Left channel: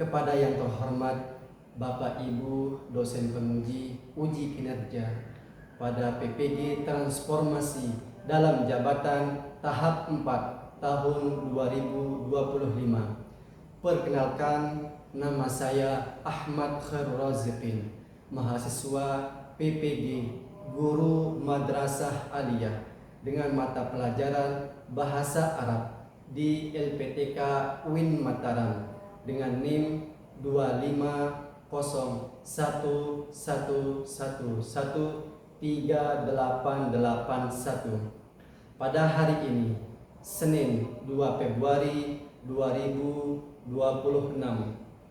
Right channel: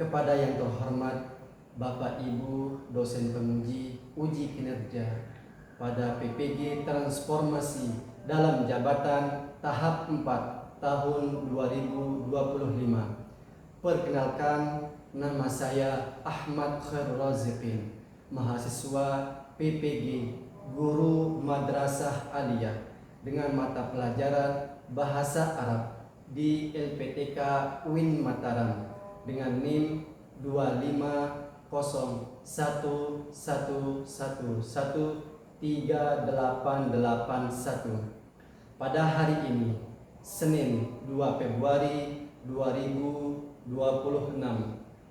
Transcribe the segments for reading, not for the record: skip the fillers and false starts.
Kepada yang terhormat Bapak Ibu dosen penguji uji kinerja pada PPG Transformasi dalam jabatan tahap 4 tahun 2025. Perkenalkan, nama saya Ahmad Khairul Raziqin, mahasiswa PPG Guru Madrasah Aliyah dengan mata pelajaran Bahasa Arab di LPTK UIN Mataram dengan NIM 2501113881. Pada hari ini, Senin 2 Februari 2026,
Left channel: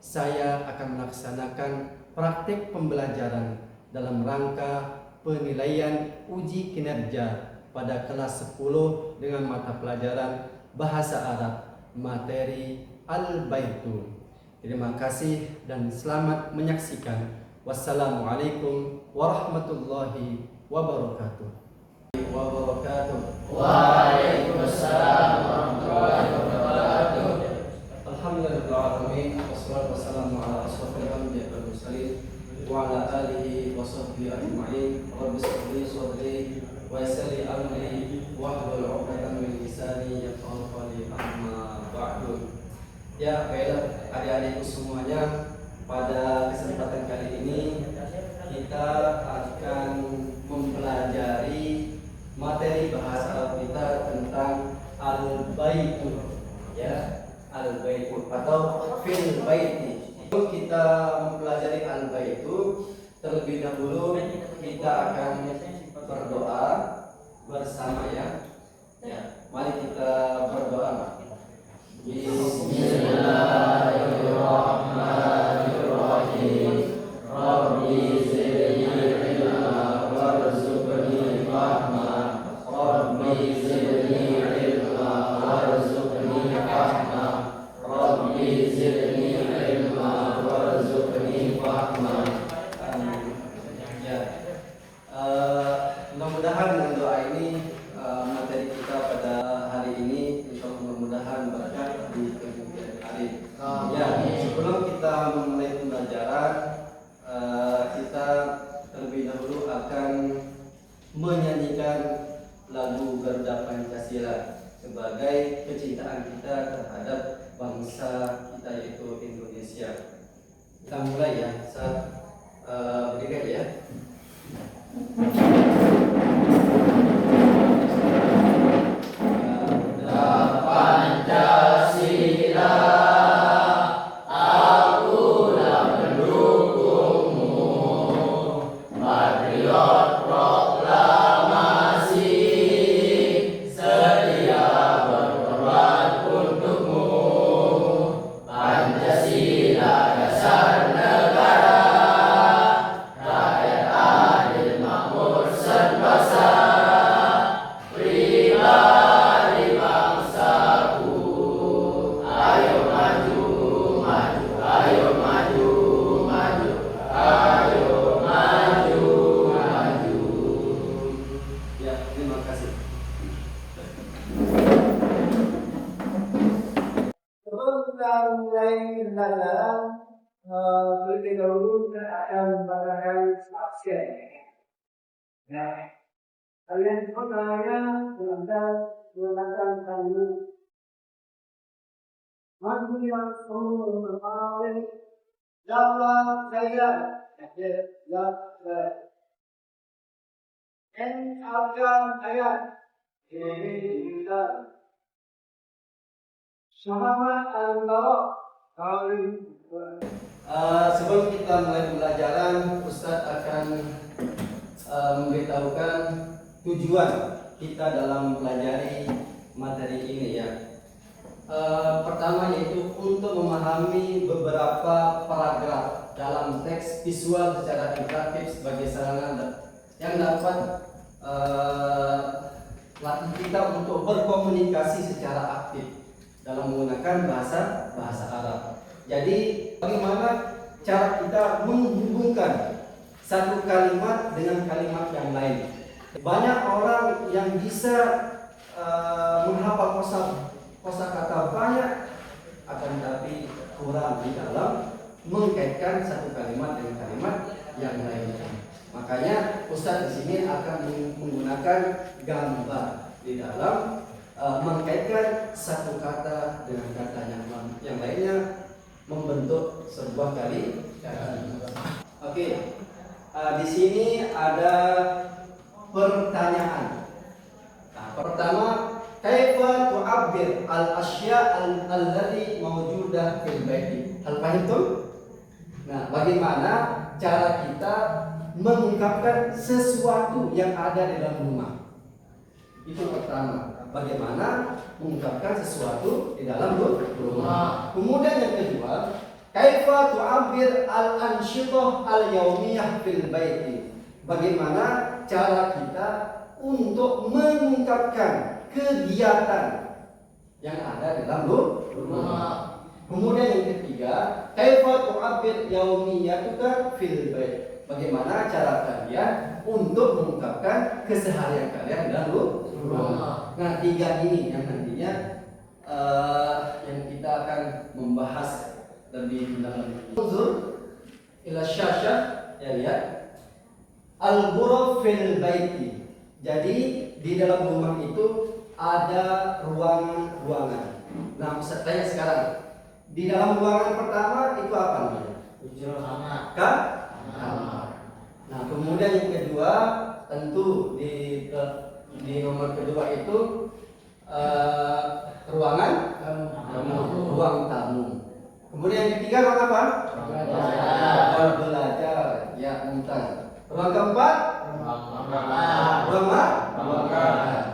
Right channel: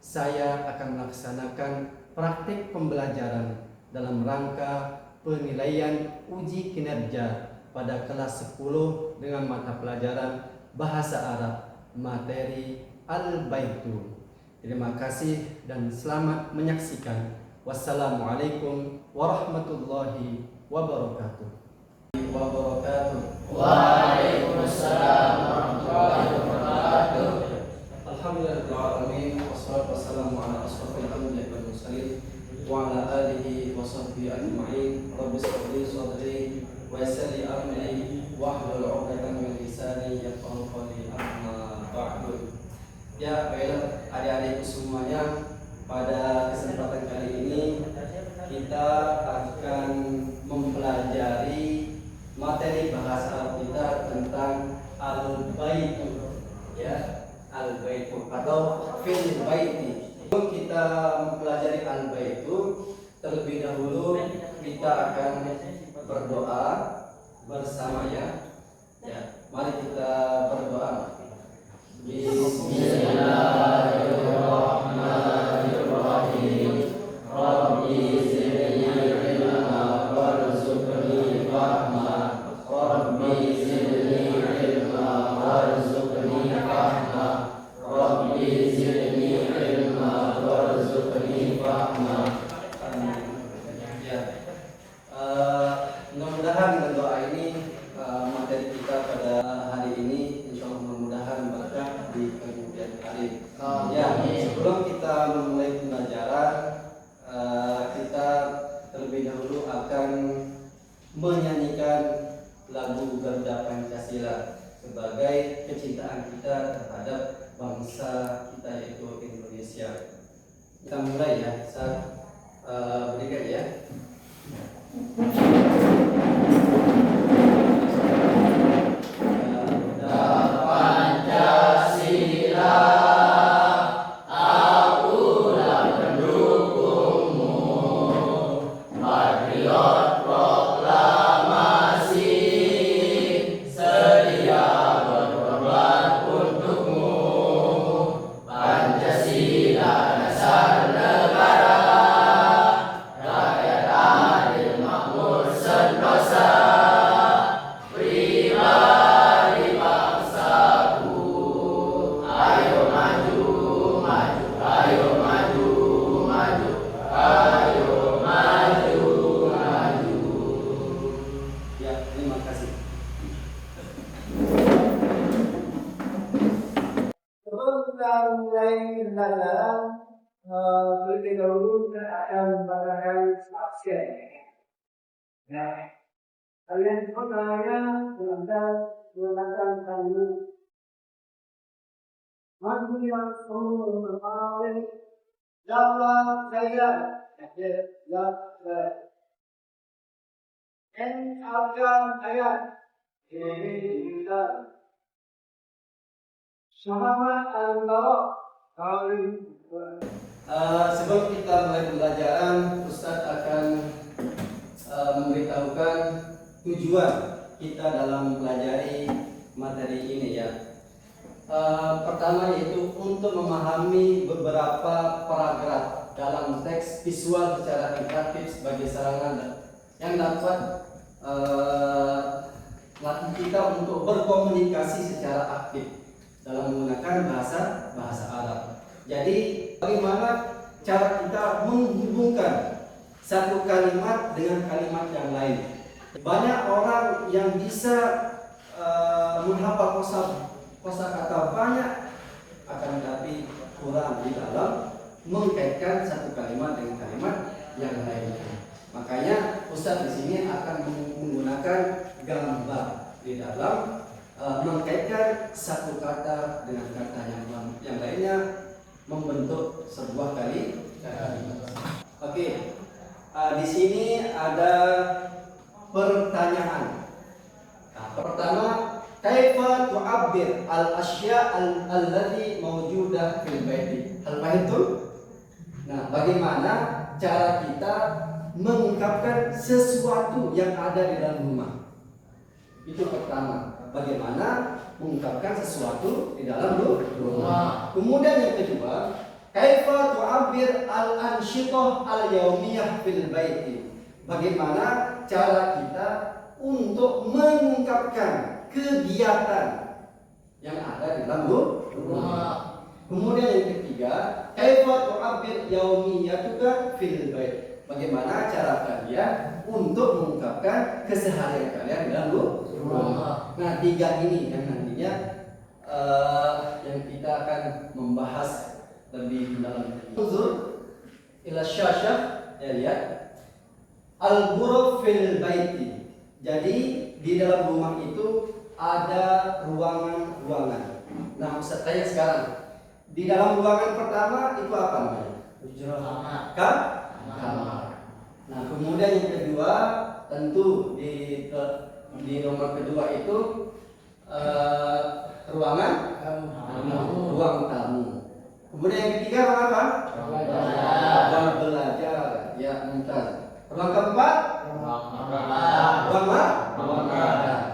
saya akan melaksanakan praktik pembelajaran dalam rangka penilaian uji kinerja pada kelas 10 dengan mata pelajaran Bahasa Arab materi Al-Baitu. Terima kasih dan selamat menyaksikan. Wassalamualaikum warahmatullahi wabarakatuh. Waalaikumsalam warahmatullahi wabarakatuh. Alhamdulillahirrahmanirrahim. Wassalatu wassalamu ala ashrafil anbiya'i wal mursalin wa ala alihi wa sahbihi ajma'in. Rabbi shrah li sadri wa yassir li amri wahlul 'uqdatam min lisani yafqahu qawli. Amma ba'du. Ya, baiklah adik-adikku semuanya, pada kesempatan kali ini kita akan mempelajari materi bahasa kita tentang al-baitu, ya, al-baitu atau fil baiti. Sebelum kita mempelajari al-baitu, terlebih dahulu kita akan berdoa bersama, ya. Mari kita berdoa. Bismillahirrahmanirrahim. Rabbi zidni ilma warzuqni fahma. Rabbi zidni ilma warzuqni fahma. Rabbi zidni ilma warzuqni fahma. Ya. Mudah-mudahan dengan doa ini materi kita pada hari ini insyaallah mudah-mudahan berkah di kemudian hari. Ya, sebelum kita memulai pembelajaran, kita terlebih dahulu akan menyanyikan lagu Garuda Pancasila sebagai kecintaan kita terhadap bangsa kita yaitu Indonesia. Kita mulai, ya. Saat berdiri, ya. Terlebih dahulu saya akan memberikan saksi. Nah, kalian semuanya menggunakan kalimat Maju yang sungguh berpaling Jalla saya En akan ayat ini kita sama antara kali. Sebelum kita mulai pembelajaran, Ustadz akan memberitahukan tujuan kita dalam mempelajari materi ini, ya. Pertama yaitu untuk memahami beberapa paragraf dalam teks visual secara interaktif sebagai sarana yang dapat latih kita untuk berkomunikasi secara aktif dalam menggunakan bahasa Arab. Jadi bagaimana cara kita menghubungkan satu kalimat dengan kalimat yang lain. Banyak orang yang bisa menghafal kosakata banyak, akan tetapi kurang di dalam mengkaitkan satu kalimat dengan kalimat yang lainnya. Makanya Ustaz di sini akan menggunakan gambar di dalam mengkaitkan satu kata dengan kata yang lainnya membentuk sebuah kalimat. Oke, di sini ada pertanyaan. Nah, pertama, kaifa tu'abbir al-asya' allati mawjudah fil baiti? Hal fahimtum? Nah, bagaimana cara kita mengungkapkan sesuatu yang ada di dalam rumah? Itu pertama. Bagaimana mengungkapkan sesuatu di dalam rumah. Kemudian yang kedua, kaifa tu'abbir al-ansyitah al-yaumiyah fil baiti? Bagaimana cara kita untuk mengungkapkan kegiatan yang ada di dalam rumah. Kemudian yang ketiga, kaifa tu'abbir yaumiyatuka fil bait? Bagaimana cara kalian untuk mengungkapkan keseharian kalian di dalam rumah. Nah, tiga ini yang nantinya yang kita akan membahas lebih mendalam. Unzur ila syashah, ya lihat. Al-ghuraf fil baiti. Jadi di dalam rumah itu ada ruangan-ruangan. Nah, Ustaz tanya sekarang, di dalam ruangan pertama itu apa namanya? Kamar. Nah, kemudian yang kedua tentu di nomor kedua itu ruang tamu. Kemudian yang ketiga ruang apa? Belajar. Ya, mumtaz. Ruang keempat? Ruang makan.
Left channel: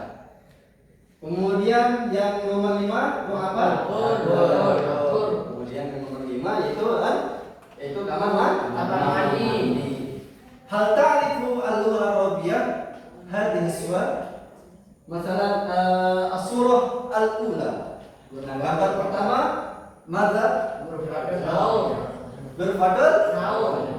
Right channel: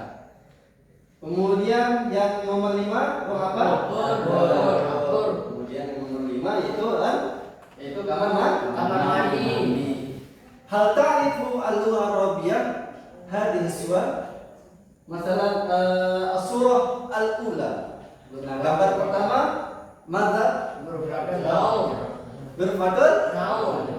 Kemudian yang nomor 5 ruang apa? Dapur. Kemudian yang nomor 5 yaitu kamar mandi. Hal ta'rifu al-lugha al-arabiyyah hadhihi suwar? Masalan as-surah al-ula. Gambar pertama madza? Berfadl naun.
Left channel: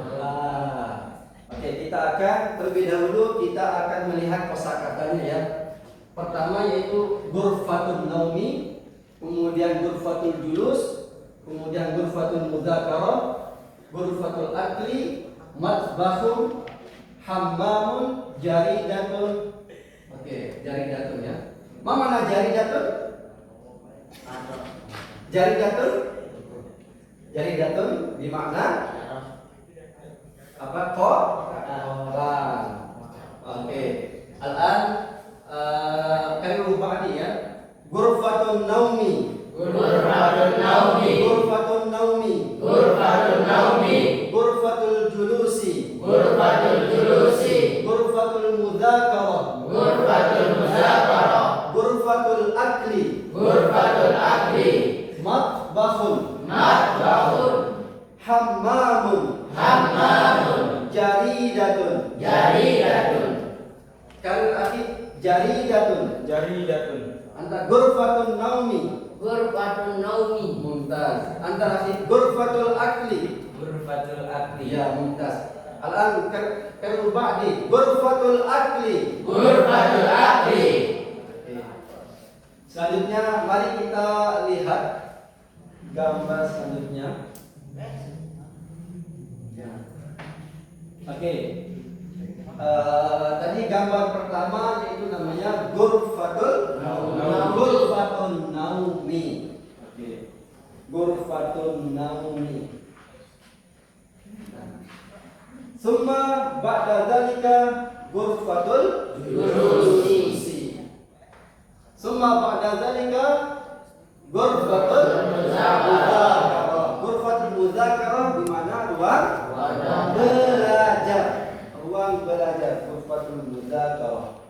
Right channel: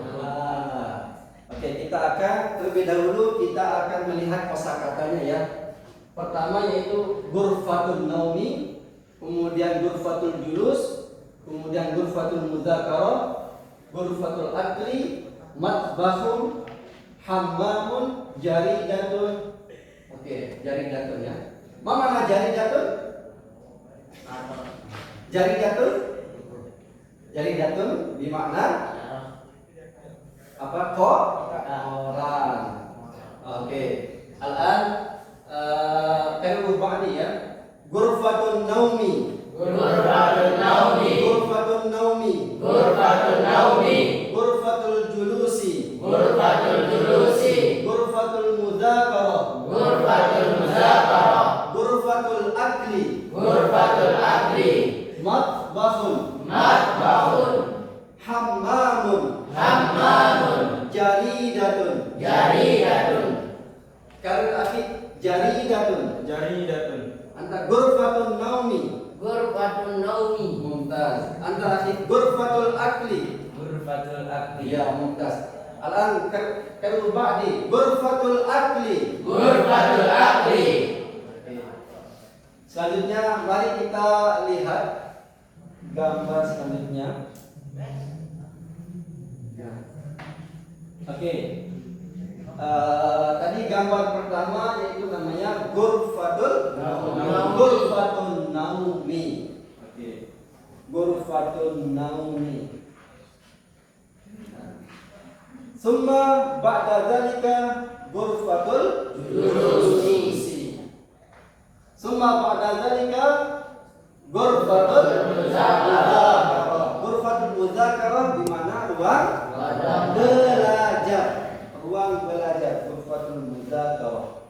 Oke, kita akan terlebih dahulu kita akan melihat kosakatanya ya. Pertama yaitu ghurfatun naumi, kemudian ghurfatul julus, kemudian ghurfatul mudzakarah, ghurfatul akli, matbahun, hammamun, jaridatun. Oke, jaridatun ya. Mana jaridatun? Jaridatun bermakna apa? Koran. Oke. Al-an kalu ba'di ya. Ghurfatun naumi. Ghurfatul julusi. Ghurfatul mudzakarah. Ghurfatul akli. Matbahun. Hammamun. Jaridatun. Kalau akhi jaridatun. Anta ghurfatun naumi. Mumtaz. Anta akhi ghurfatul akli. Ya, mumtaz. Al-an kalau ba'di ghurfatul akli. Selanjutnya mari kita lihat gambar selanjutnya. Ya. Oke. Tadi gambar pertama yaitu namanya ghurfatul naumi. Oke. Ghurfatun naumi. Summa ba'da dzalika ghurfatul julusi. Summa ba'da dzalika ghurfatul mudzakarah. Ghurfatul mudzakarah di mana ruang belajar. Ghurfatul mudzakarah.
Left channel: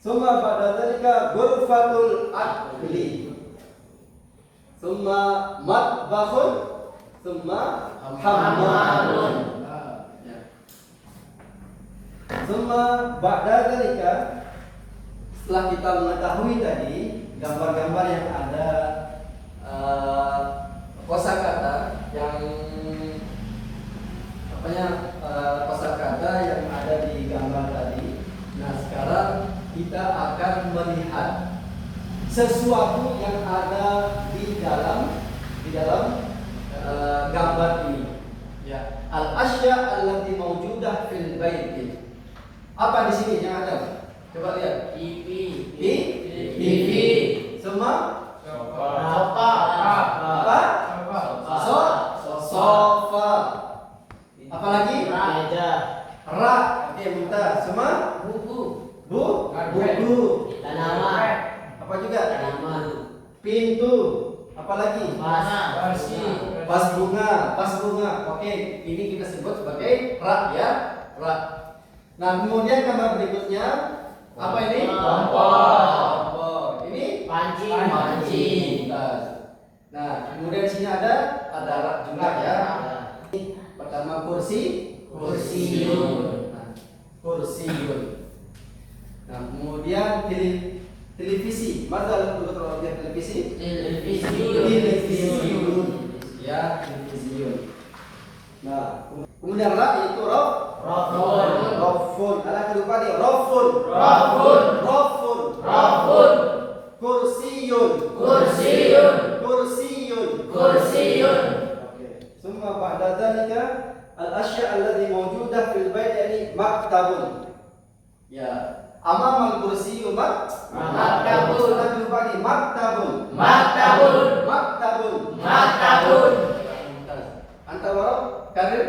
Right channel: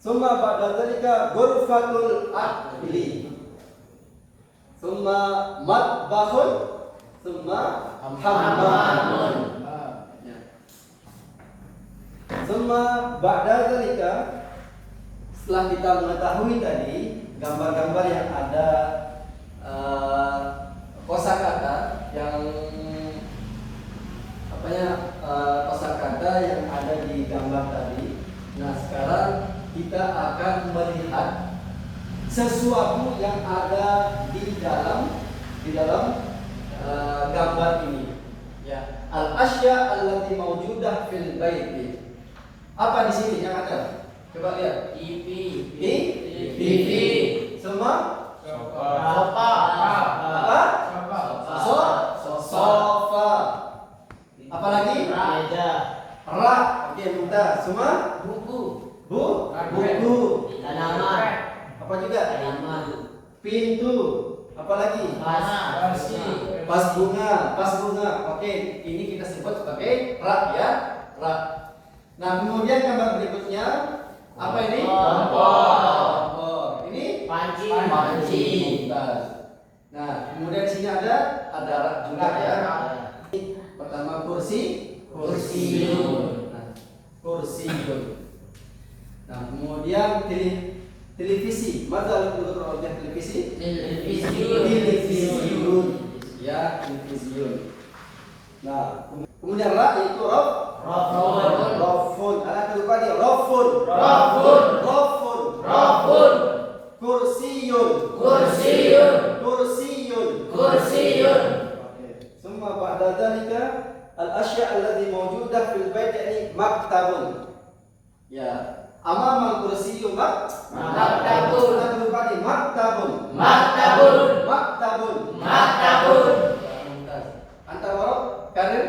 Summa ba'da dzalika ghurfatul akli. Summa matbahun. Summa hammamun. Summa ba'da dzalika, setelah kita mengetahui tadi gambar-gambar yang ada kosakata yang kosakata yang ada di gambar tadi. Nah, sekarang kita akan melihat sesuatu yang ada di dalam gambar ini. Ya, al-asya allati mawjudah fil baiti. Apa di sini yang ada? Coba lihat. TV. TV. Semua? Sofa. Apa? Sofa. Apalagi? Meja. Rak. Oke, mudah. Semua? Buku. Buku. Tanaman. Apa juga? Tanaman. Pintu. Apalagi? Vas bunga. Oke, ini kita sebut sebagai rak ya, rak. Nah, kemudian gambar berikutnya apa ini? Kompor. Ini panci. Nah, kemudian di sini ada rak juga ya. Pertama kursiun. Nah, kemudian televisi. Mana kalau televisi? Televisiun. Ya, televisiun. Nah, kemudian rak itu rafun. Ada kedua nih, rafun. Kursiyun. Oke. Semua ba'da dzalika al-asya' alladhi mawjudah fil bait yani maktabun. Ya, amama kursiyun maktabun. Ada kedua nih, maktabun. Antar warok karir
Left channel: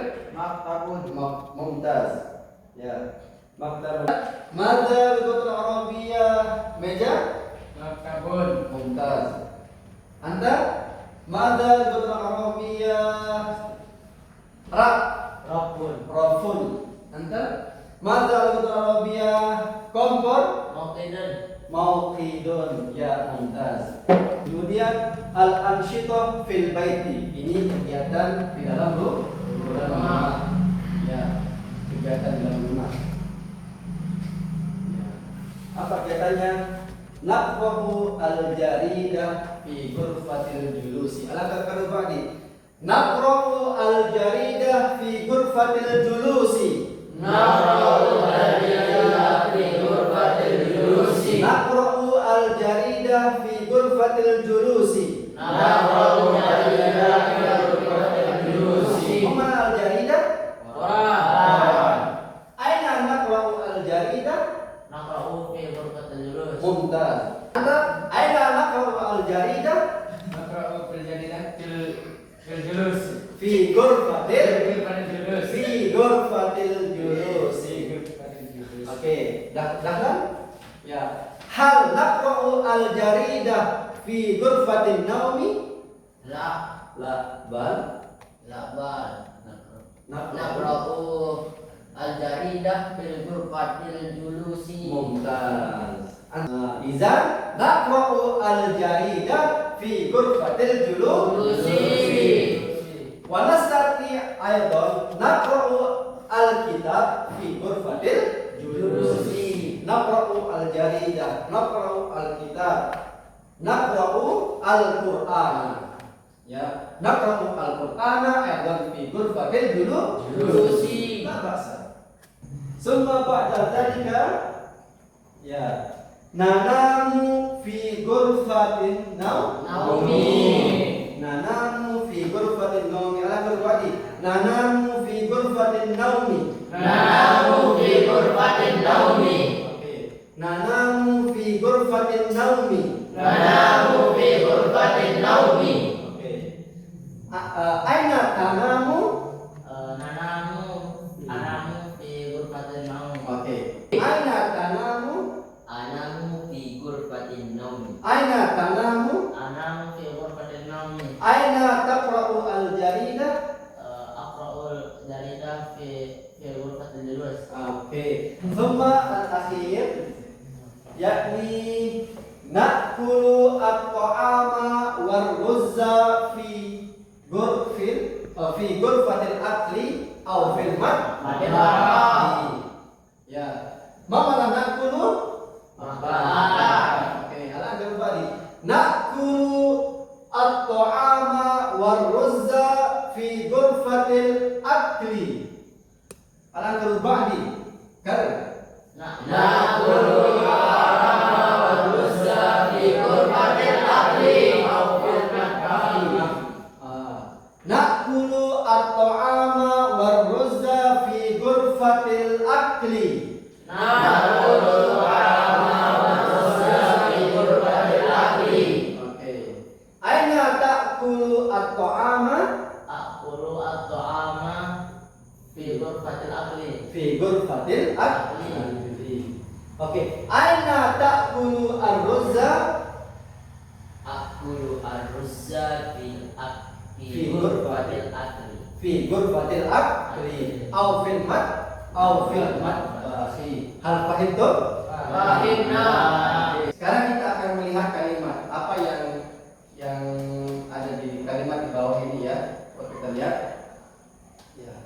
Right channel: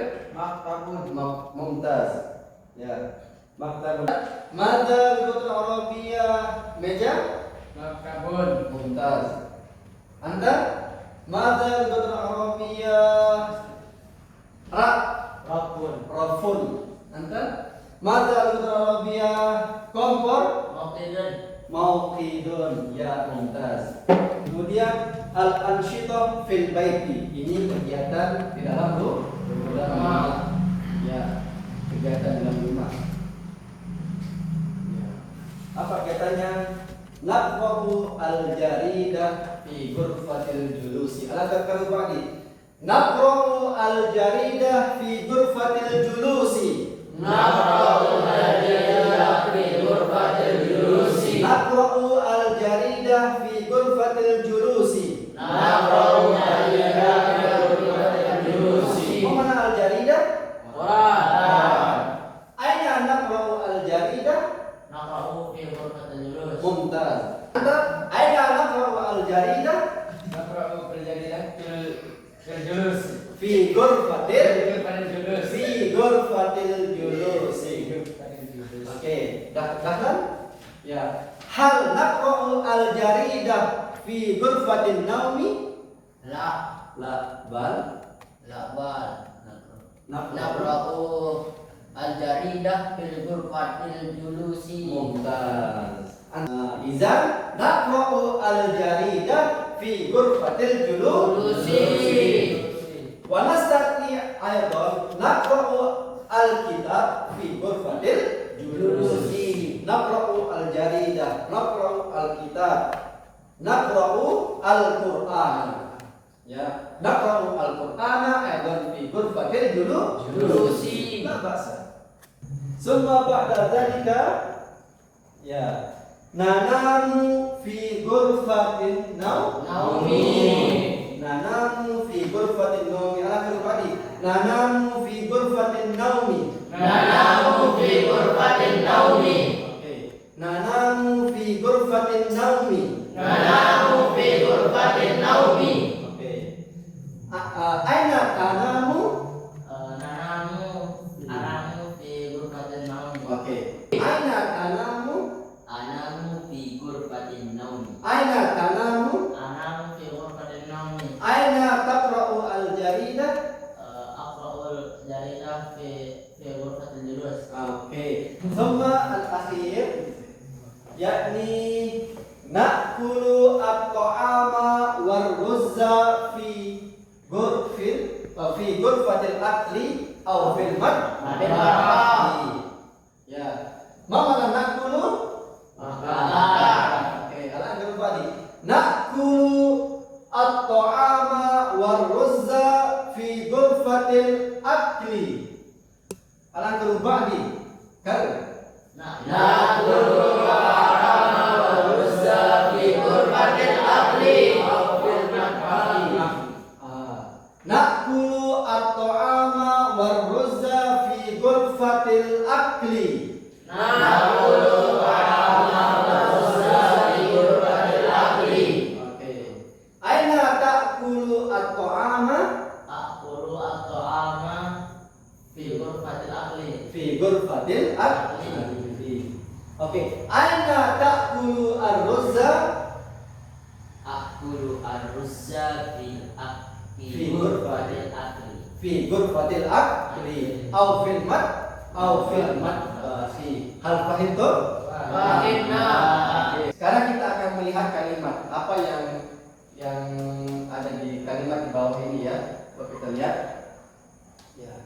mumtaz. Ya, maktabun. Mada bigotul arabiyah meja mumtaz. Anda mada bigotul arabiyah rafun. Anda mada bigotul arabiyah kompor mauqidun. Ya, mumtaz. Kemudian al-ansyitah fil baiti. Ini kegiatan di dalam rumah. Ya, kegiatan di dalam rumah. Ya. Apa kegiatannya? Naqrahu al-jaridah fi ghurfatil julusi. Alakah karubani? Naqrahu al-jaridah fi ghurfatil julusi. Naqrahu al-jaridah fi ghurfatil julusi. Mana al-jaridah? Aina naqra'u al-jaridah? Mumtaz. Anta aina naqra'u al-jaridah? Fi ghurfatil julusi. Oke, dah kan? Ya. Hal naqra'u al-jaridah fi ghurfatin naumi? Bal. Naqra'u al-jaridah fil ghurfatil julusi. Mumtaz. Izan naqra'u al-jaridah fi ghurfatil julusi. Wa nastati aidan naqra'u al-kitab fi ghurfatil julusi. Naqra'u al-jaridah, naqra'u al-kitab, naqra'u al-Qur'an. Ya, naqra'u al-Qur'ana aidan fi ghurfatil julusi. La ba'sa. Summa ba'da dzalika ya nanamu fi ghurfatin naumi. Nanamu fi ghurfatin naumi. Ala berbadi. Nanamu fi ghurfatin naumi. Oke. Nanamu fi ghurfatin naumi. Oke. Aina tanamu? Oke. Aina tanamu? Aina tanamu? Aina taqra'u al-jaridah? Oke. Thumma al-akhir yakni na'kulu at-ta'ama war-ruzza fi ghurfatil akli aw fil madbah. Ya. Mama na'kulu? Oke, ala berbadi. Na'kulu at-ta'ama war-ruzza fi ghurfatil akli. Ala berbadi. Kan? at-ta'ama war-ruzza fi ghurfatil akli. Na'kulu at-ta'ama war-ruzza fi ghurfatil akli. Oke. Aina ta'kulu at-ta'ama? Aqulu at-ta'ama fi ghurfatil akli. Fi ghurfatil akli. Oke. Aina ta'kulu ar-ruzza? Aqulu ar-ruzza Fi fi ghurfatil akli. Fi ghurfatil akli. Au fil mat hal fahimtum? Fahimna. Sekarang kita akan melihat kalimat apa yang ada di kalimat di bawah ini ya. Coba kita lihat. Ya.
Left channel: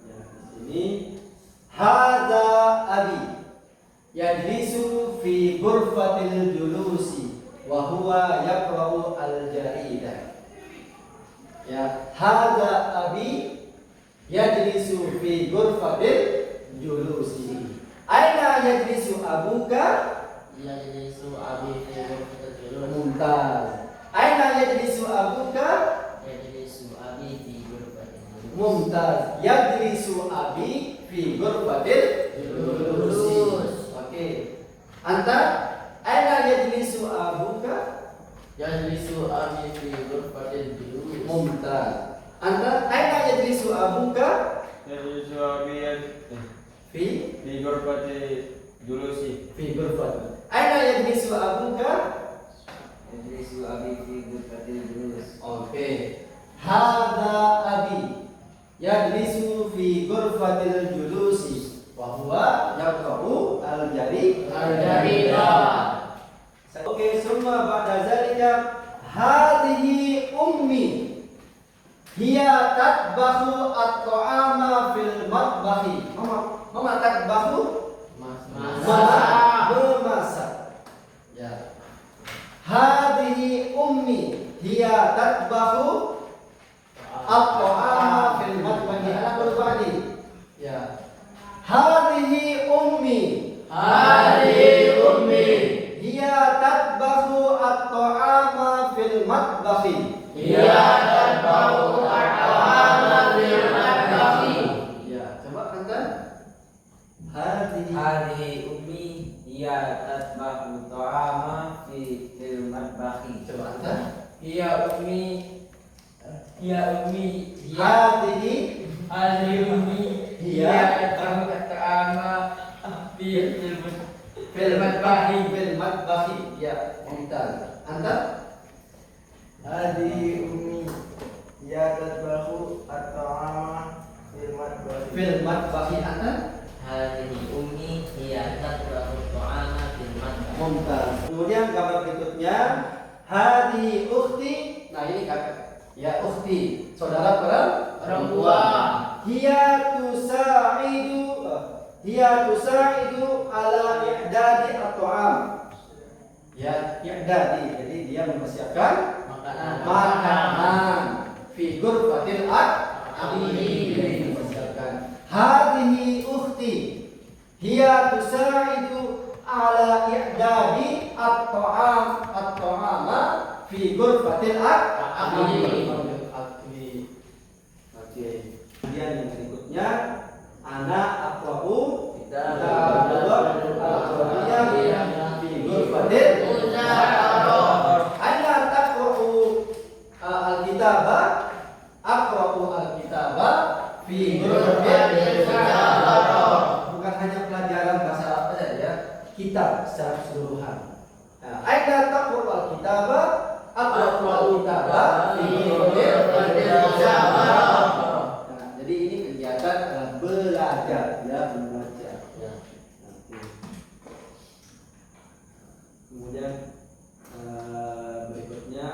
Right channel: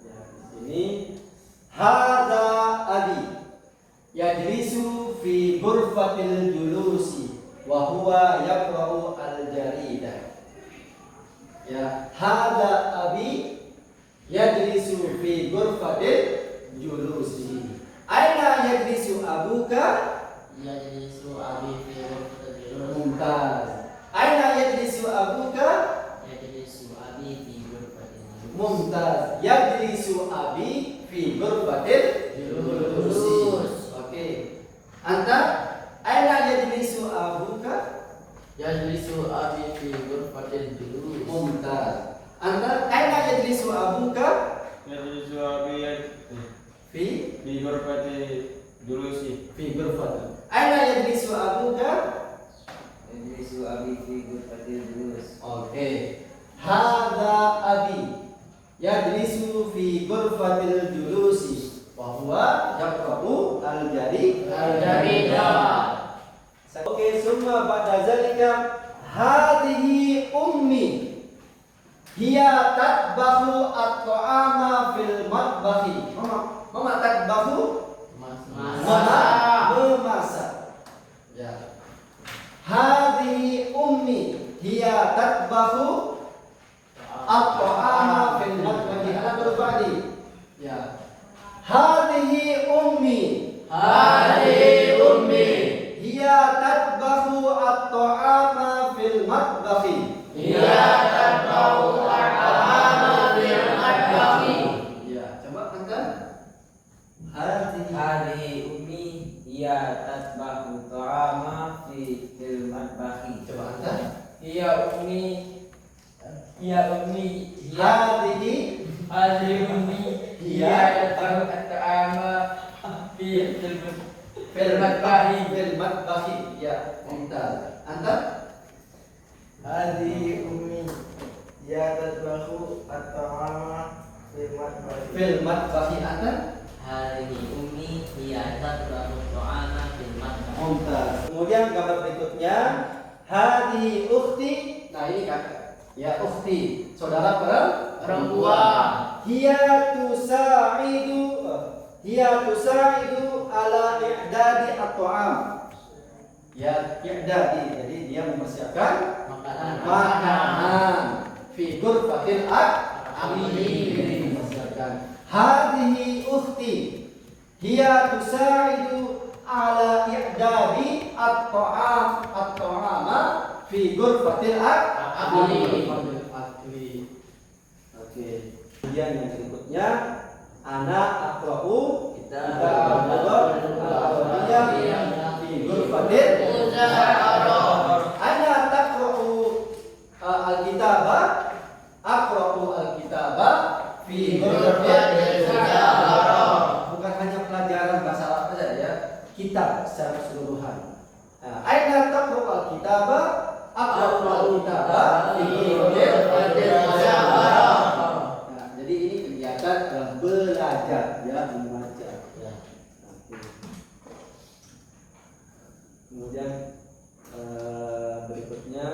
Ya, di sini hadza abi yajlisu fi ghurfatil julusi wa huwa yaqra'u al-jaridah. Ya, hadza abi yajlisu fi ghurfatil julusi. Aina yajlisu abuka? Yajlisu abi fi ghurfatil julusi. Mumtaz. Aina yajlisu abuka? Yajlisu abi fi ghurfatil julusi. Mumtaz. Yajlisu abi fi ghurfatil julusi. Oke. Anta aina yajlisu abuka? Yajlisu abi fi ghurfatil julusi. Mumtaz. Anta aina yajlisu abuka? Yajlisu abi Fi fi ghurfati julusi. fi ghurfatil. Aina yajlisu abuka? Yajlisu abi fi ghurfatil julusi. Oke. Hadza abi yajlisu fi ghurfatil julusi wa huwa yaqra'u al-jaridah. Oke, summa ba'da zalika hadhihi ummi hiya tatbahu at-ta'ama fil matbahi. Mama tatbahu memasak. Ya. Hadhihi ummi hiya tatbahu at-ta'ama fil matbahi. Ana berbadi. Ya. Hadhihi ummi. Hadhihi ummi. Hiya tatbahu at-ta'ama fil matbahi. Hiya tatbahu at-ta'ama fil matbahi. Ya, coba anda. Hadhihi Hadhihi ummi hiya tatbahu ta'ama fil matbahi. coba anda. Hiya ummi hiya Hadhihi hadhihi ummi Hiya tatbahu ta'ama fil fil matbahi. fil matbahi. Ya, mumtaz. Anda? Hadhihi ummi hiya tatbahu at-ta'ama fil matbahi. Fil matbahi. Anda? Hadhihi ummi hiya tatbahu at-ta'ama fil matbahi. Mumtaz. Kemudian gambar berikutnya hadhihi ukhti. Nah, ini kakak. Ya, ukhti, saudara Perempuan. Hiya tusaidu ala i'dadi at-ta'am. Ya, i'dadi. Jadi dia mempersiapkan makanan fi ghurfatil akli. Mempersiapkan. Hadhihi ukhti. Hiya tusaidu ala i'dadi at-ta'ama fi ghurfatil akli. Oke. Kemudian yang berikutnya anak aqra'u Ana taqra'u al-kitaba aqra'u al-kitaba fi ghurfatil mujarrah. Bukan hanya pelajaran bahasa Arab saja ya, kitab secara keseluruhan. Nah, aina taqra'u al-kitaba aqra'u al-kitaba fi ghurfatil mujarrah. Nah, jadi ini kegiatan adalah belajar ya, membaca. Ya. Kemudian berikutnya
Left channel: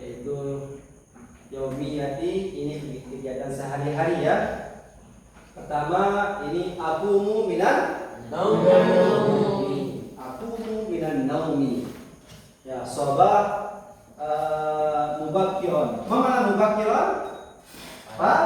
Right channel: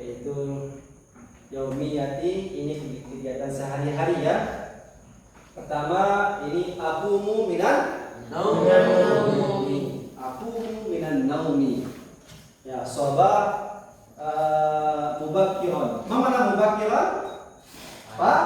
yaitu yaumiyati, ini kegiatan sehari-hari ya. Pertama ini akumu minan naumi. Akumu minan naumi. Ya, sabah mubakiron. Mana mubakiron? Pak?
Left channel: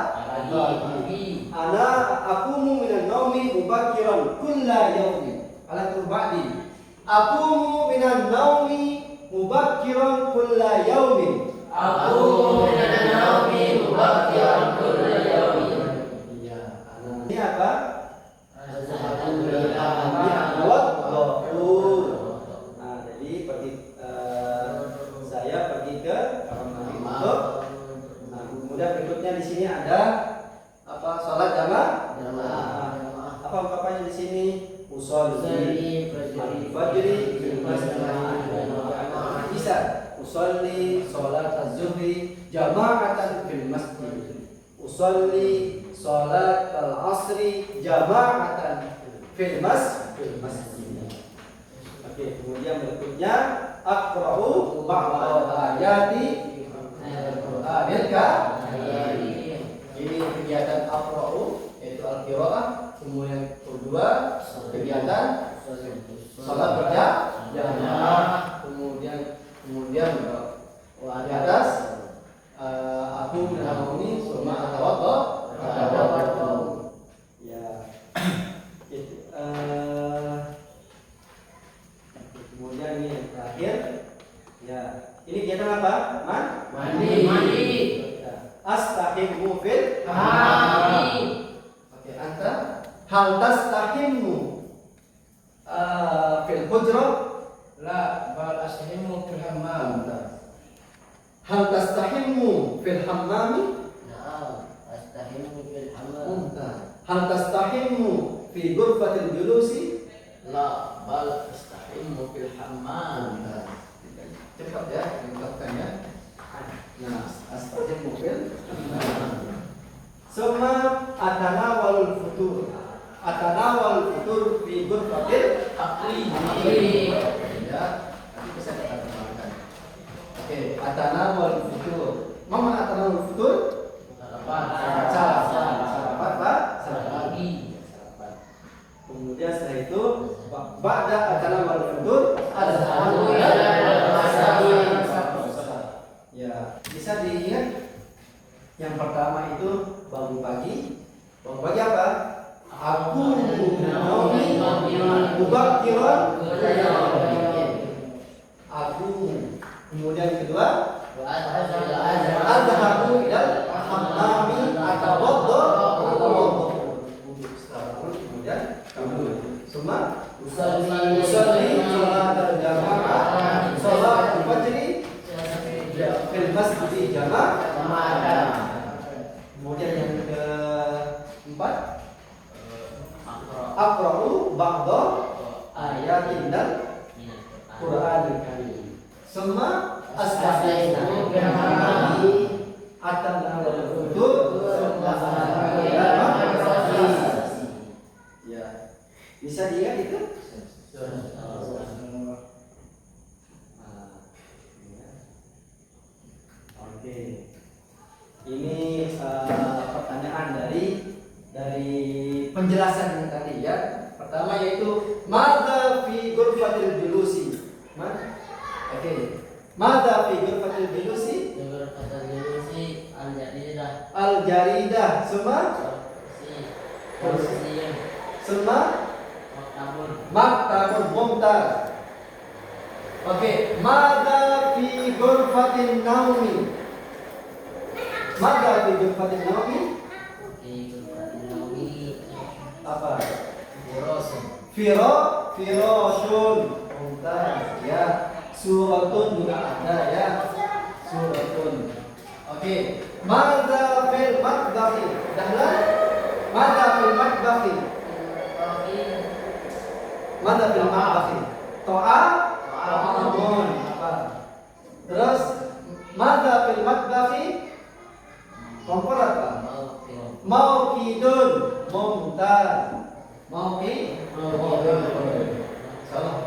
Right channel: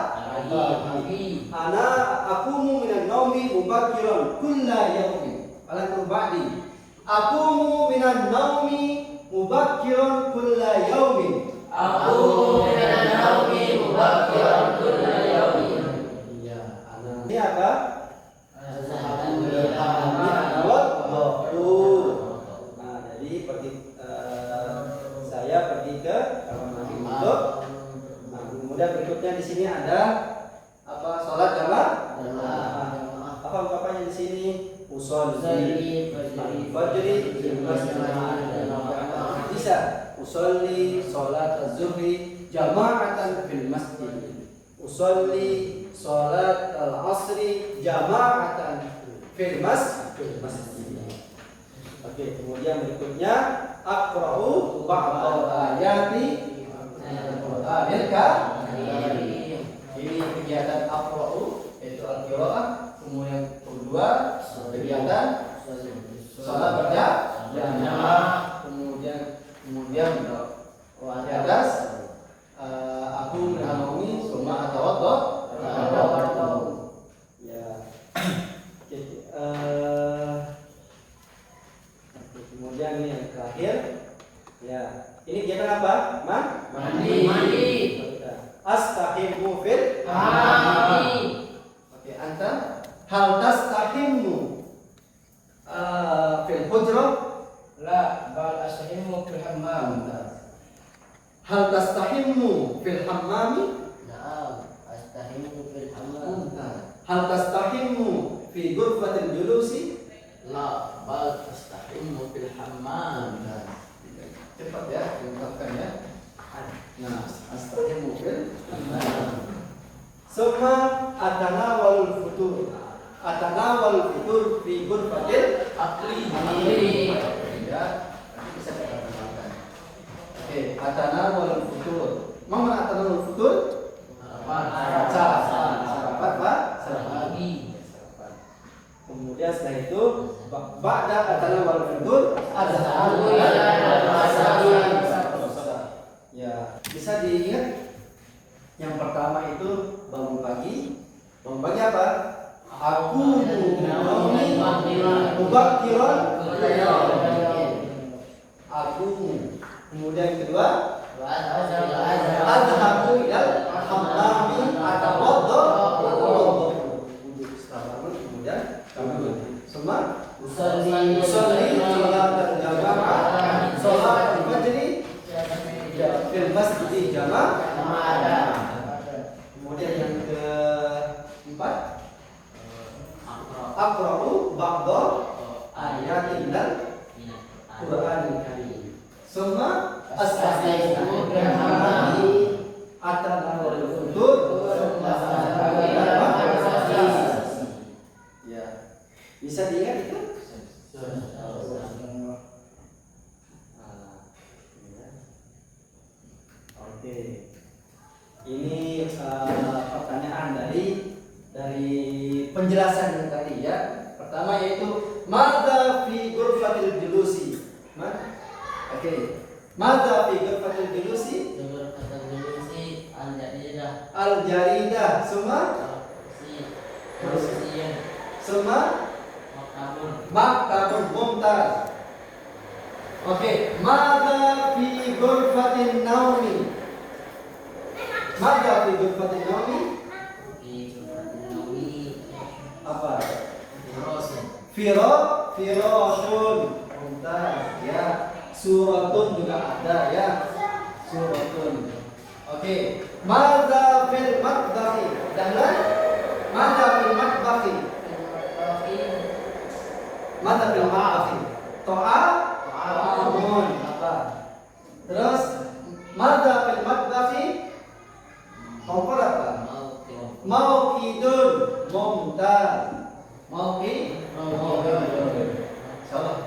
Pagi. Ana akumu minan naumi mubakiron kulla yaumin. Ala kurbadi. Akumu minan naumi mubakkiran kulla yaumin. Aku minan naumi berikutnya di sini ada apa? Salat jamaah. Apa ungkapannya di sini? Usolli fajri fil masjid. Bisa usolli salat az-zuhri jama'atan fil masjid. Usolli salat al-asri jama'atan fil masjid. Oke, kemudian berikutnya aqra'u ba'da ayati Qur'anil Karim. Ini kegiatan aqra'u yaitu al-qiraah. Kemudian kedua kegiatan salat berjamaah. Kemudian di atas aku mengalami summa atawaddo. Ya. Kemudian ini yang terakhir. Ya. Ini kegiatan apa? Mandi. Astahimu fil mandi. Oke, anta hal tastahimu fil hujrah? La bal astahimu fil hammam. Hal tastahimu fil hammami? Astahimu fil hammam. Hal tastahimu fi ghurfatil julusi? La bal astahimu fil hammam. Cepat ya, diungkapkan ya. Nah, astahimu fil hammam. Summa atanawalul futur. Atanawalul futur fi ghurfatil Akli. ya, ini bisa kita kembangkan. Oke, atanawalul futur. Mau atanawalul futur? Sarapan, Pak. Sarapan. Kemudian setelah itu ba'da atanawalul futur azharu ya, bisa diingat yang pertama itu bangun pagi. Bangun pagi apa? Aku naumi mubakkiran. Aku. Kemudian kedua azhabu ilal hammami atawaddo. Kemudian semua usolli salat jamaah salat fajri fil masjid jamaah. Kemudian yang keempat aqra'u ba'da ayatin dan Qur'anil Karim. Semua astaghfiru atanawal futur. Ya. Bisa diingat itu? Oke. Ini pertanyaan dari penjelasan yang tadi ya. Pertama yaitu madza fi ghurfatil julusi. Oke. Madza fi ghurfatil julusi? Al-jaridah. Semua? Semua? Maktabun mumtaz. Oke, madza fi ghurfatin naumi? Madza fi ghurfatin naumi? Apa? Firasun. Mumtaz ya. Suratun juga ada ya. Suratun. Oke. Madza fil matbakhi? Dahlan? Madza fil matbakhi? Madza fil matbakhi? Ta'amun. Apa? Terus madza fil matbakhi? Kompor apa? Mauqidun. Mumtaz. Mauqidun. Salah.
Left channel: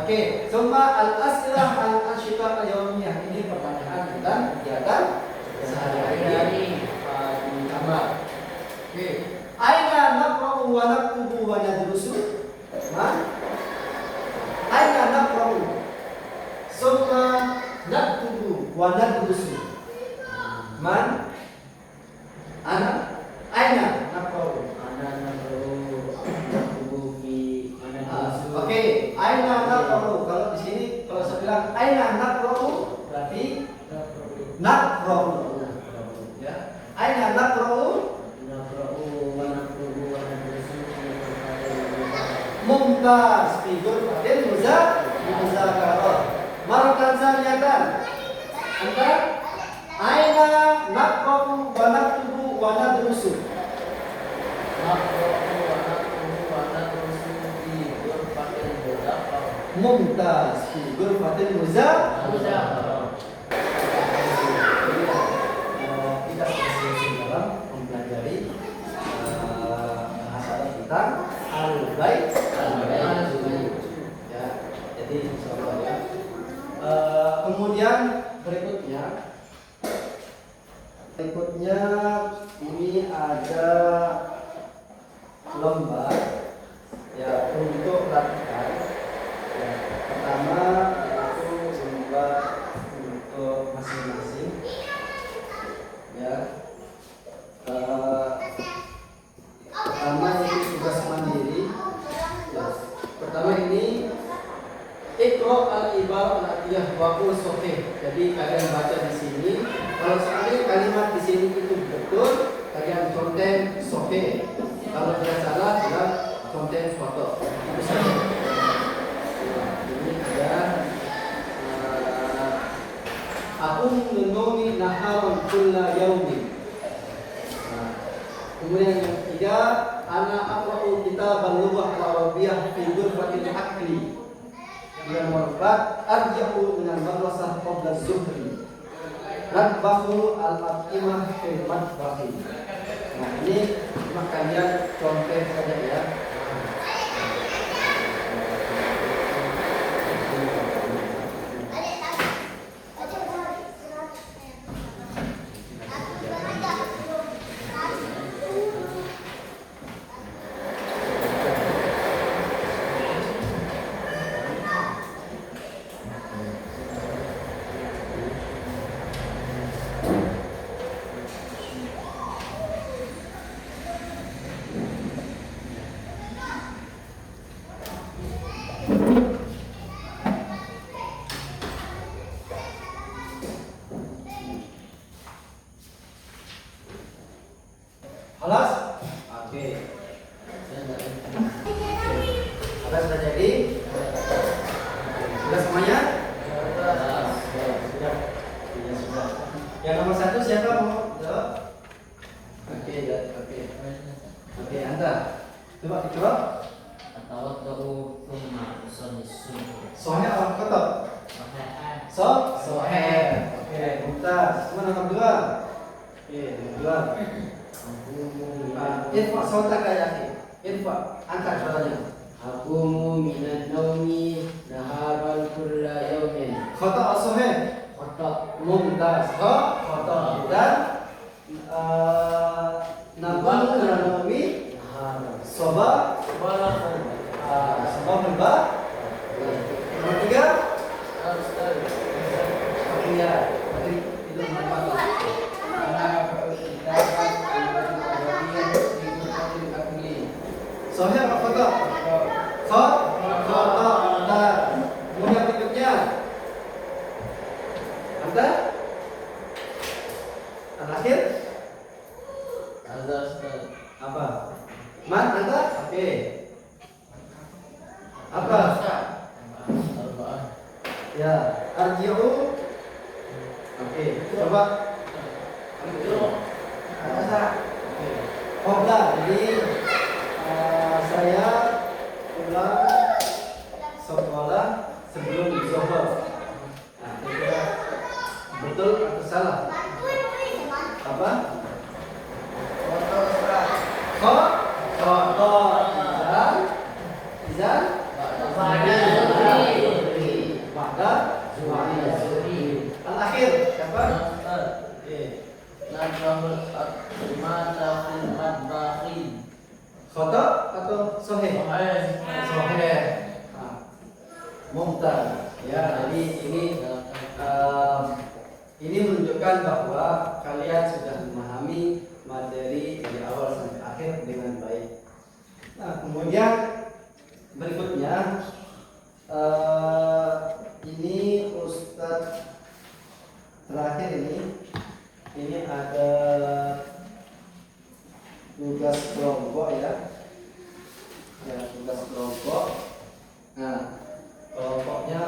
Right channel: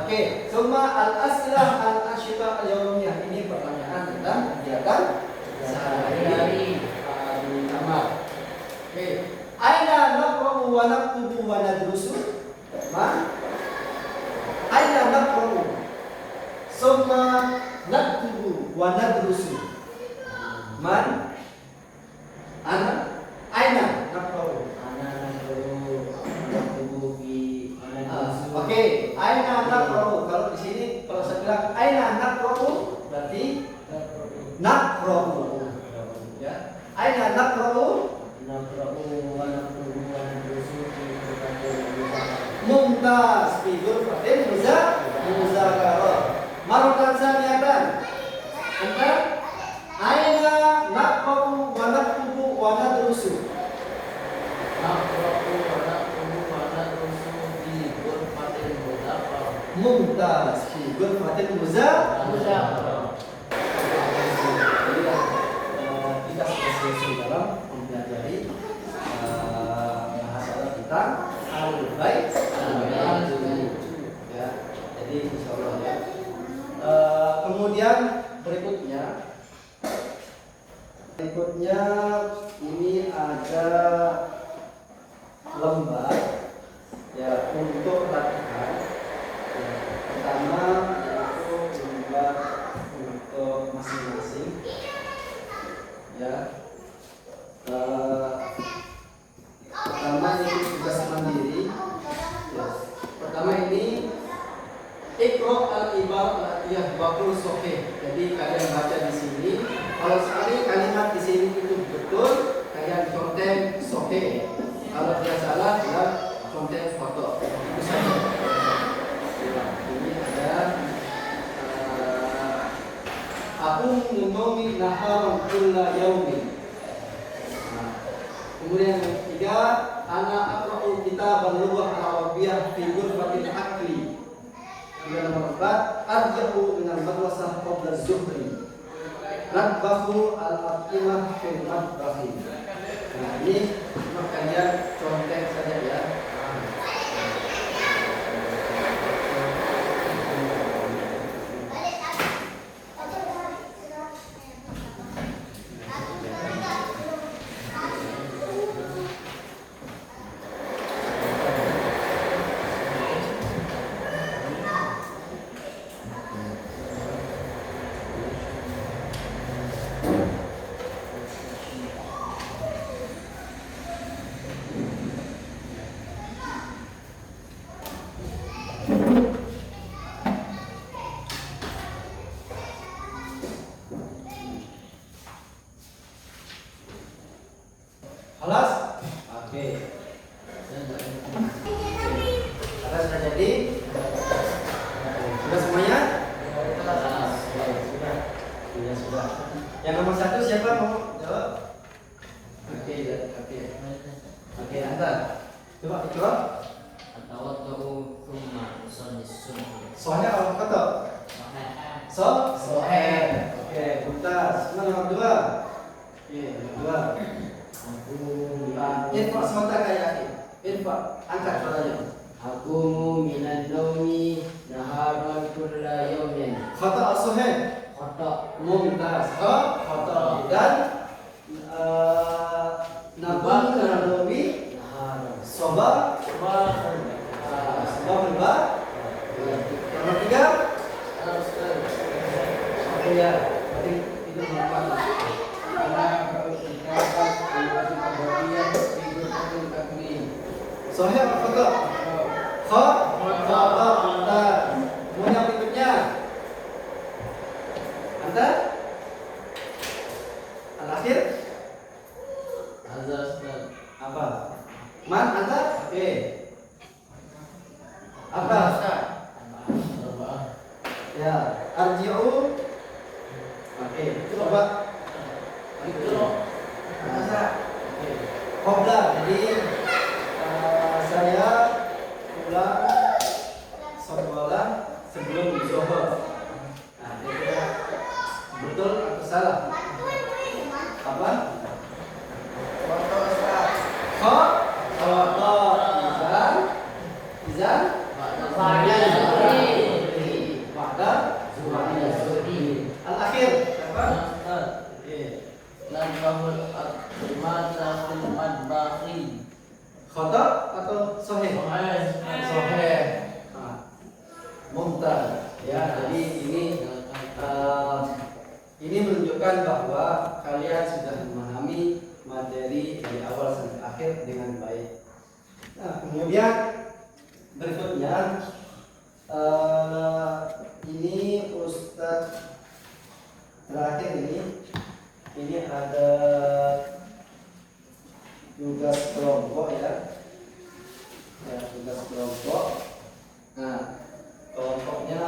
Oke, summa al-as'ilah al-ashifah al-yawmiyah. Ini pertanyaan tentang kegiatan sehari-hari di kamar. Oke, aina naqra'u wa naktubu wa nadrusu? Aina naqra'u summa naktubu wa nadrusu? Man? Ana? Aina naqra'u? Oke, aina naqra'u. Kalau di sini kalau saya bilang aina naqra'u berarti naqra'u. Ya. Aina naqra'u? Mumtaz fi ghurfatil muzakarah. Maratan saniyatan. Anta aina naqra'u wa Mumtaz fi ghurfatil muzakkar. Kita selesai dalam mempelajari bahasa tentang al-bait ya. Jadi insyaallah ya. Kemudian berikutnya ini ada lembar ya untuk latihan. Ya, pertama yaitu lembar untuk masing-masing ya. Pertama itu tugas mandiri ya. Pertama ini Iqra al-ibarah al-atiyah waqul sahih. Jadi kalian baca di sini. Kalau sekali kalimat di sini itu betul, kalian contek sahih. Kalau tidak salah, bilang contek kotor. Itu saja. Ya, ini ada aku menumi naharan kulla yaumin. Kemudian yang ketiga, ana aqra'u kitab al-lughah al-arabiyyah fi ghurfatil aqli. Yang nomor 4, arja'u min al-madrasah qabla az-zuhri. Nadbahu al-aqimah fil madbahi. Nah, ini cuma kalian contek saja ya. Halas? Oke. Halas sudah jadi? Sudah semuanya? Sudah. Yang nomor 1 siapa mau jawab? Oke, Anta. Coba. Atau thumma Soalnya apa kata? Sohe. Oke, Mumtaz. Mana nomor 2? Oke, nomor 2. Irfa sautaka ya akhi. Irfa, angkat suaranya. Aqumu minan nawmi naharan kulla yawmin. Khata sahih. Khata. Mumtaz. Khata. Dan nabal nawawi soba berba. Nomor 3. Ya, itu berapa? Sahih apa khata? Khata. Kemudian berikutnya Anda al-akhir apa? Man Anda? Oke. Apa? Ya, arji'u. Oke, coba. Qabla. Jadi saya pulang sekolah sebelum zuhur. Nah, kira-kira betul atau salah? Apa? Izan. Al-akhir siapa? Khata atau sahih? Sahih. Mumtaz. Ya, jadi ini menunjukkan bahwa kalian sudah memahami materi dari awal sampai akhir dengan baik. Nah, kemudian berikutnya ini Ustadz terakhir ini ada tugas kelompok ya, tugas kelompok. Nah, kelompoknya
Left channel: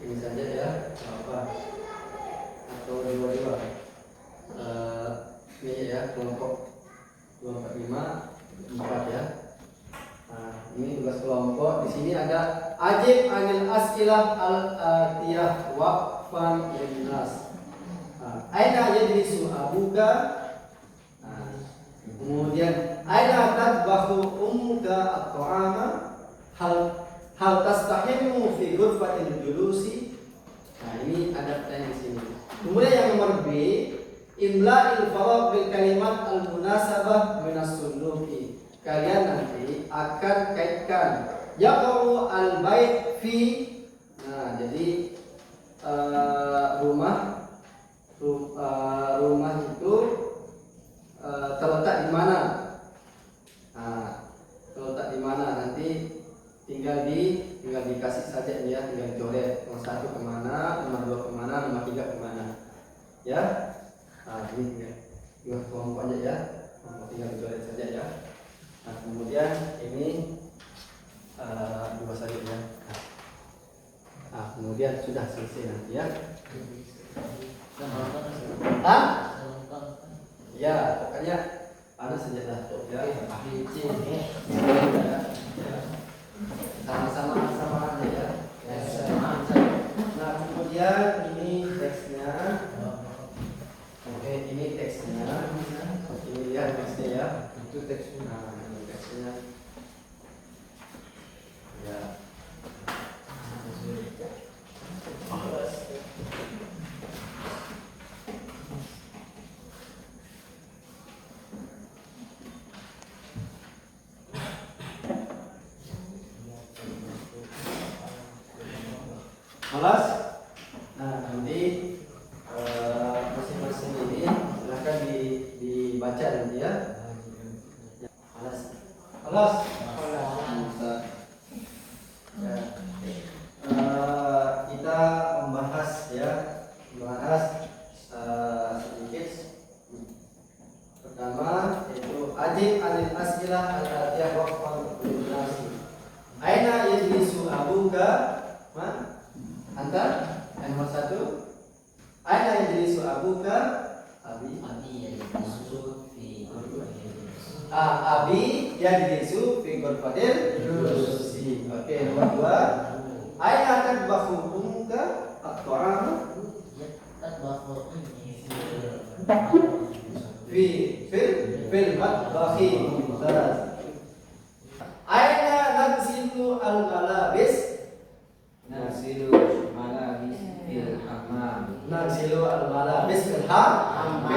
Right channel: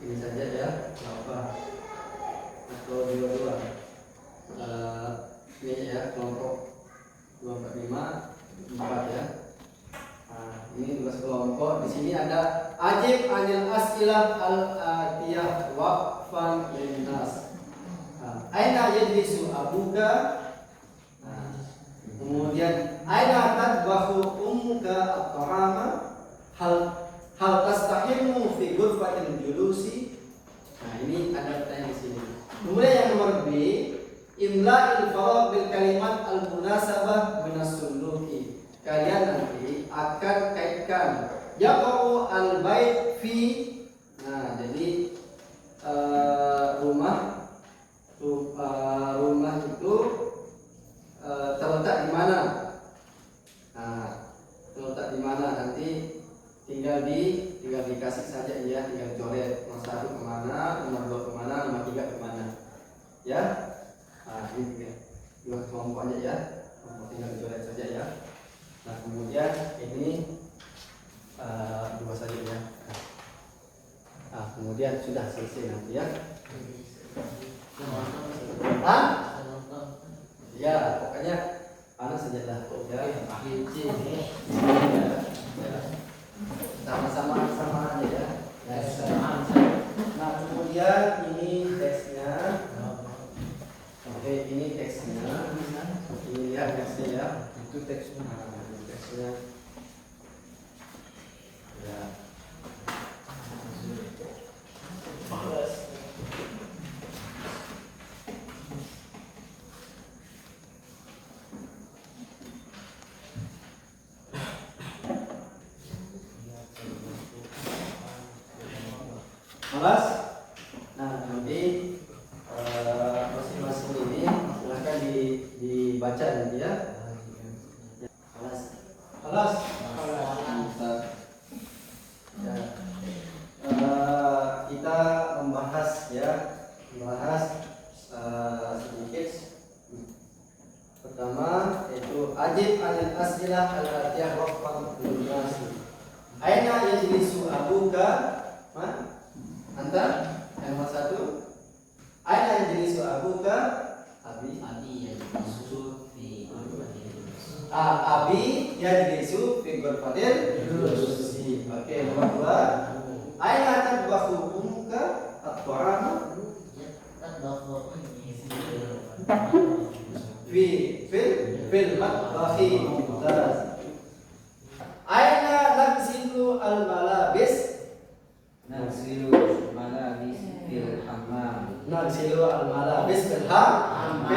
ini saja ya, apa atau dua-dua ini ya, kelompok 2, 4, 5, 4 ya. Nah, ini tugas kelompok Ajib anil as'ilah al-atiyah waqfan linnas. Aina yajlisu abuka? Kemudian aina tadbahu ummuka at-ta'ama? Hal tastahimu fi ghurfatil julusi? Nah, ini ada pertanyaan di sini. Kemudian yang nomor B, imla'il faraq bil kalimat al-munasabah minas suluki. Kalian nanti akan kaitkan yaqa'u al-bait fi. Nah, jadi rumah itu terletak di mana? Nah, terletak di mana nanti tinggal dikasih saja ya, tinggal coret nomor 1 kemana, nomor 2 kemana, nomor 3 kemana, ya. Nah, ini tinggal kelompok aja ya, tinggal dicoret saja ya. Nah, kemudian ini 2 saja ya. Nah, kemudian sudah selesai nanti ya. Ya, pokoknya mana saja lah ya. Sama aja ya. Nah, kemudian ini teksnya. Oke, ini teksnya. Ini lihat teksnya ya. Itu teksnya. Nah, ini teksnya. Ya. Kelas. Nah, nanti masing-masing ini silakan dibaca nanti ya. Kelas. Kelas. Kita membahas sedikit. Pertama yaitu ajib anil as'ilah al-atiyah waqfan linnas. Aina yajlisu abuka? Anta? Yang nomor 1. Aina yajlisu abuka? Abi yajlisu fi ghurfatil julusi. Oke, nomor 2. Aina tadbahu ummuka at-ta'ama? Fil matbakhi. Mumtaz. Aina nagsilu al-malabis? Nagsilu malabis fil hammam. Nagsilu al-malabis fil hammam.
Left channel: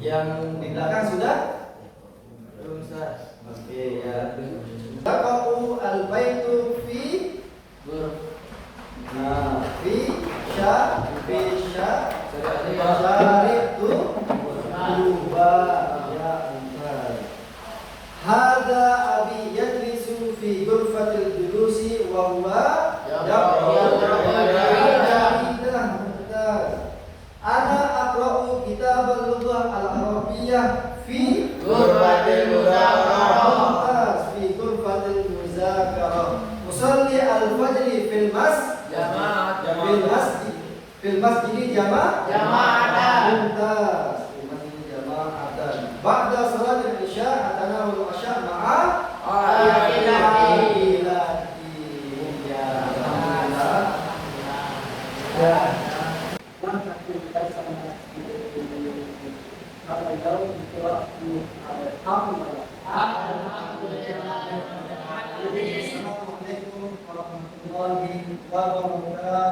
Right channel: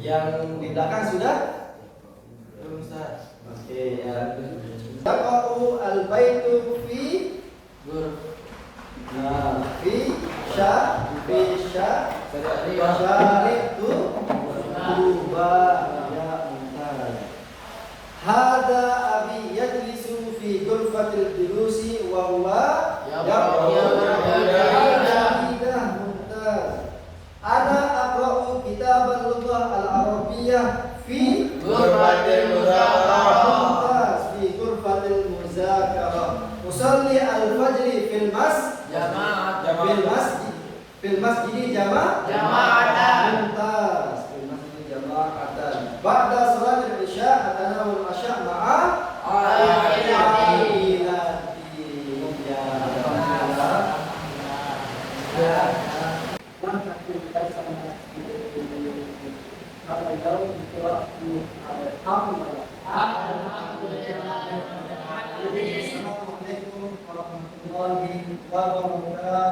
Yang di belakang sudah? Oke ya. Taqa'u al-baitu fi syari'tu kuba ya untai. Hada abi yajlisu fi ghurfatil julusi wa huwa ana aqra'u kitab al-lughah al-arabiyyah fi ghurfatil muzakarah. Fi ghurfatil muzakarah. Usalli al-fajri fil masjid jama'atan. Mumtaz. Fil masjid jama'atan. Ba'da salat al-isya atanawul asya ma'a ailati. Assalamualaikum warahmatullahi wabarakatuh.